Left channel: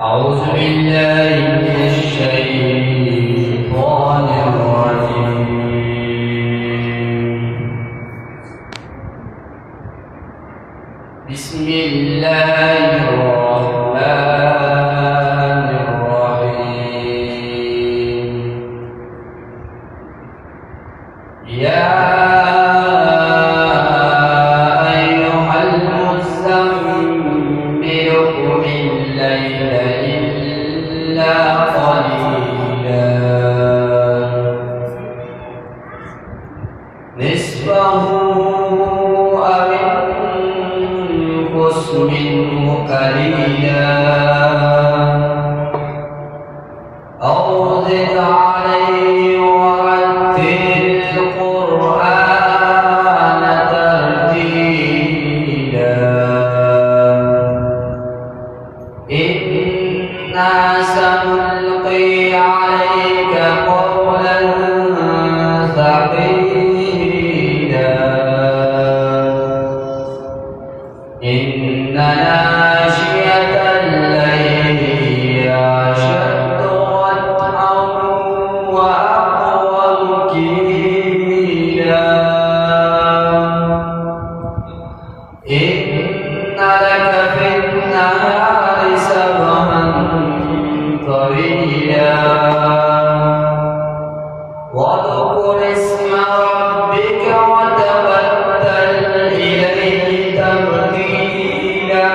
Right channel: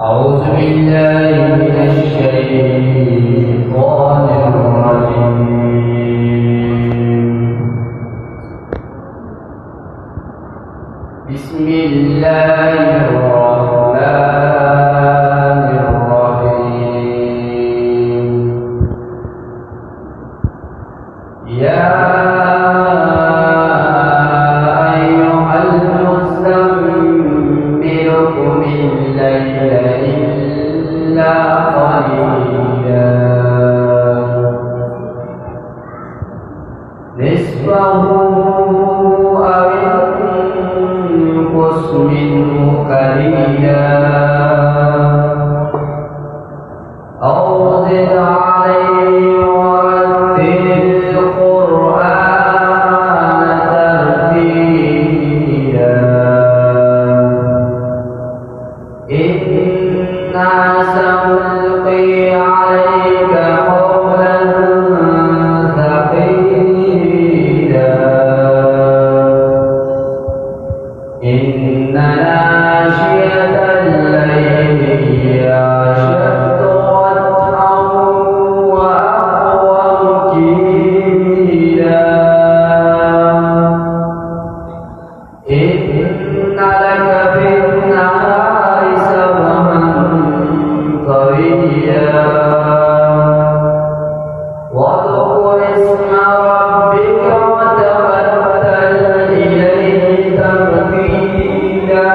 أعوذ بالله من الشيطان الرجيم. بسم الله الرحمن الرحيم. يا أيها المزمل قم الليل إلا قليلا نصفه أو انقص منه قليلا أو زد عليه ورتل القرآن ترتيلا إنا سنلقي عليك قولا ثقيلا إن ناشئة الليل هي أشد وطئا وأقوم قيلا إن لك في النهار سبحا طويلا واذكر اسم ربك وتبتل إليه تبتيلا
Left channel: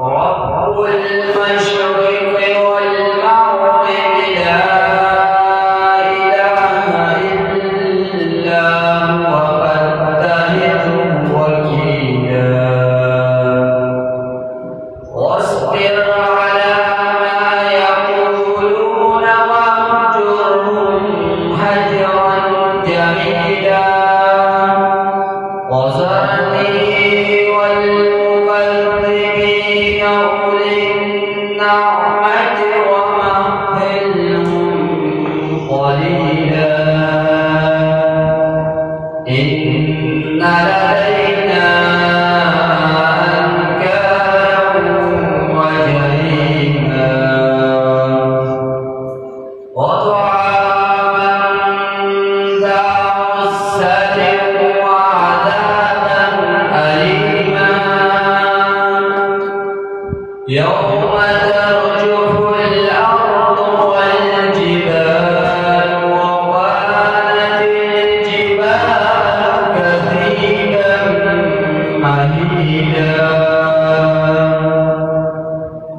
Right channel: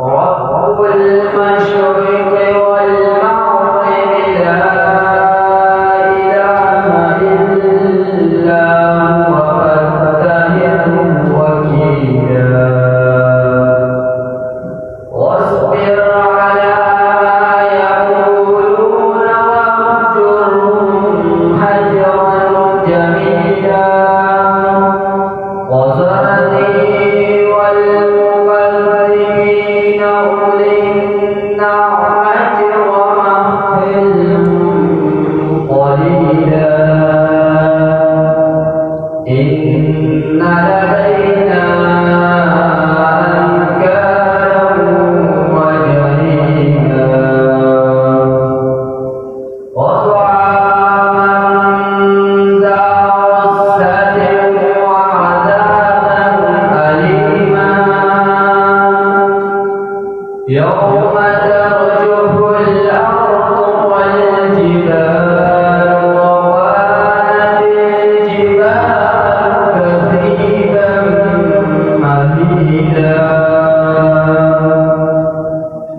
رب المشرق والمغرب لا إله إلا هو فاتخذه وكيلا واصبر على ما يقولون واهجرهم هجرا جميلا وذرني والمكذبين أولي النعمة ومهلهم قليلا إن لدينا أنكالا وجحيما وطعاما ذا غصة وعذابا أليما يوم ترجف الأرض والجبال وكانت الجبال كثيبا مهيلا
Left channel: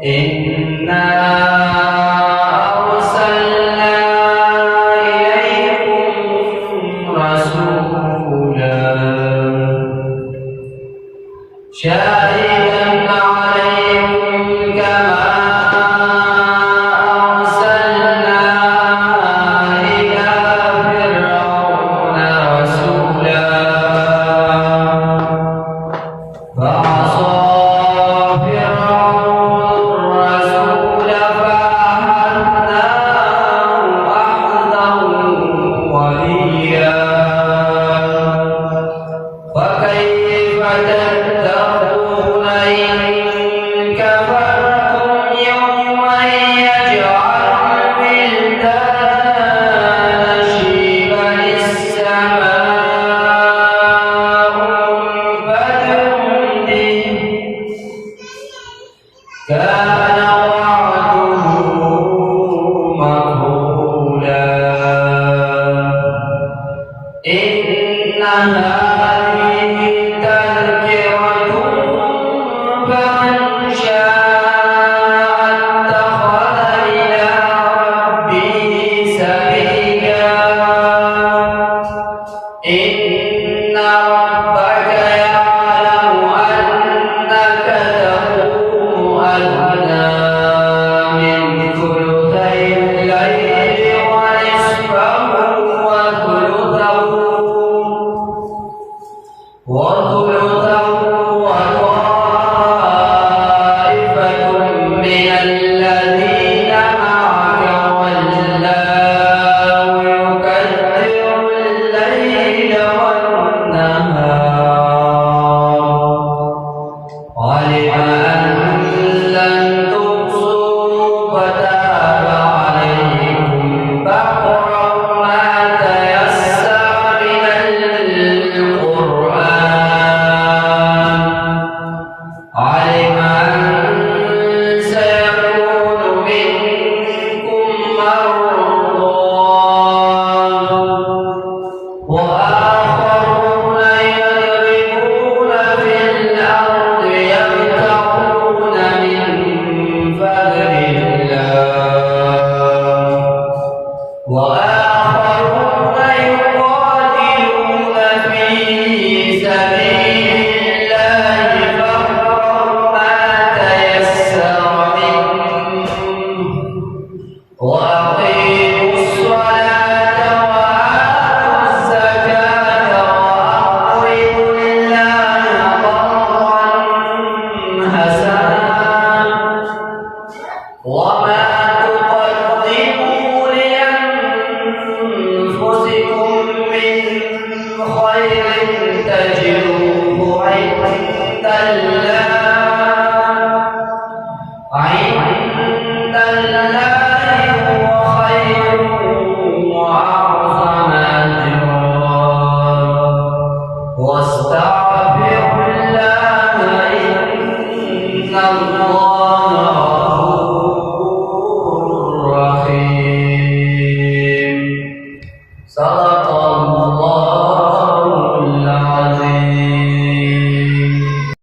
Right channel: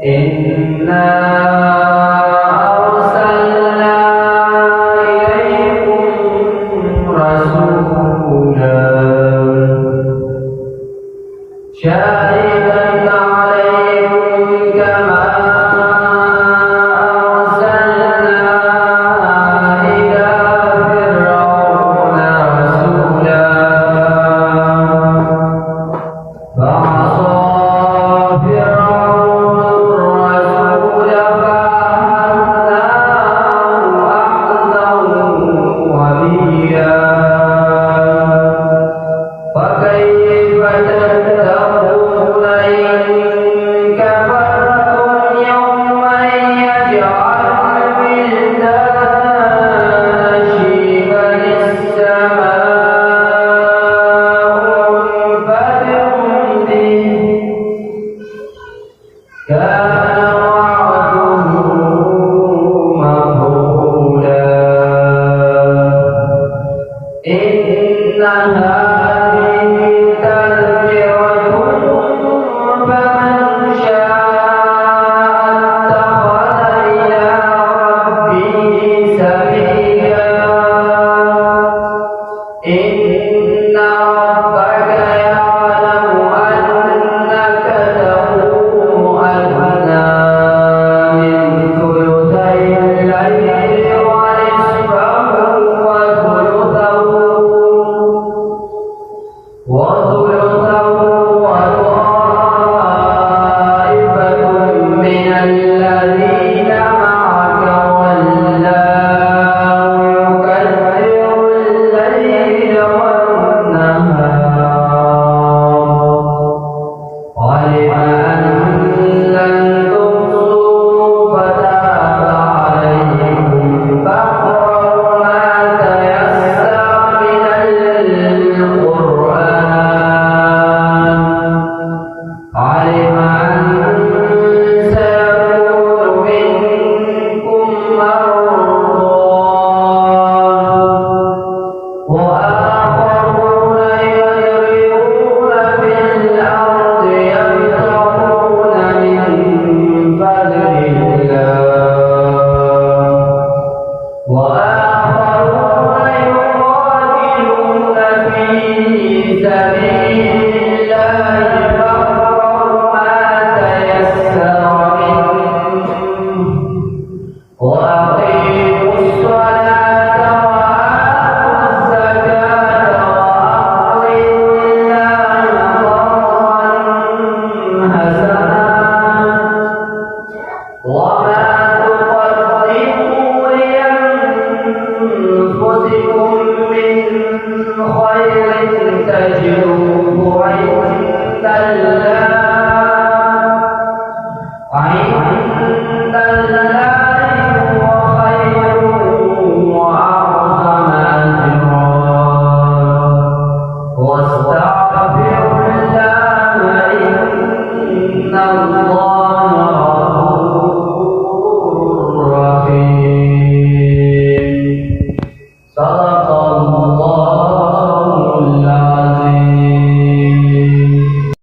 إنا أرسلنا إليكم رسولا شاهدا عليكم كما أرسلنا إلى فرعون رسولا فعصى فرعون الرسول فأخذناه أخذا وبيلا فكيف تتقون إن كفرتم يوما يجعل الولدان شيبا السماء منفطر به كان وعده مفعولا إن هذه تذكرة فمن شاء اتخذ إلى ربه سبيلا إن ربك يعلم أنك تقوم أدنى علم أن سيكون منكم مرضى وآخرون يضربون في الأرض يبتغون من فضل الله وآخرون يقاتلون في سبيل الله فاقرأوا ما تيسر منه وأقيموا الصلاة وآتوا الزكاة وأقرضوا الله قرضا حسنا وما تقدموا لأنفسكم من خير تجدوه عند الله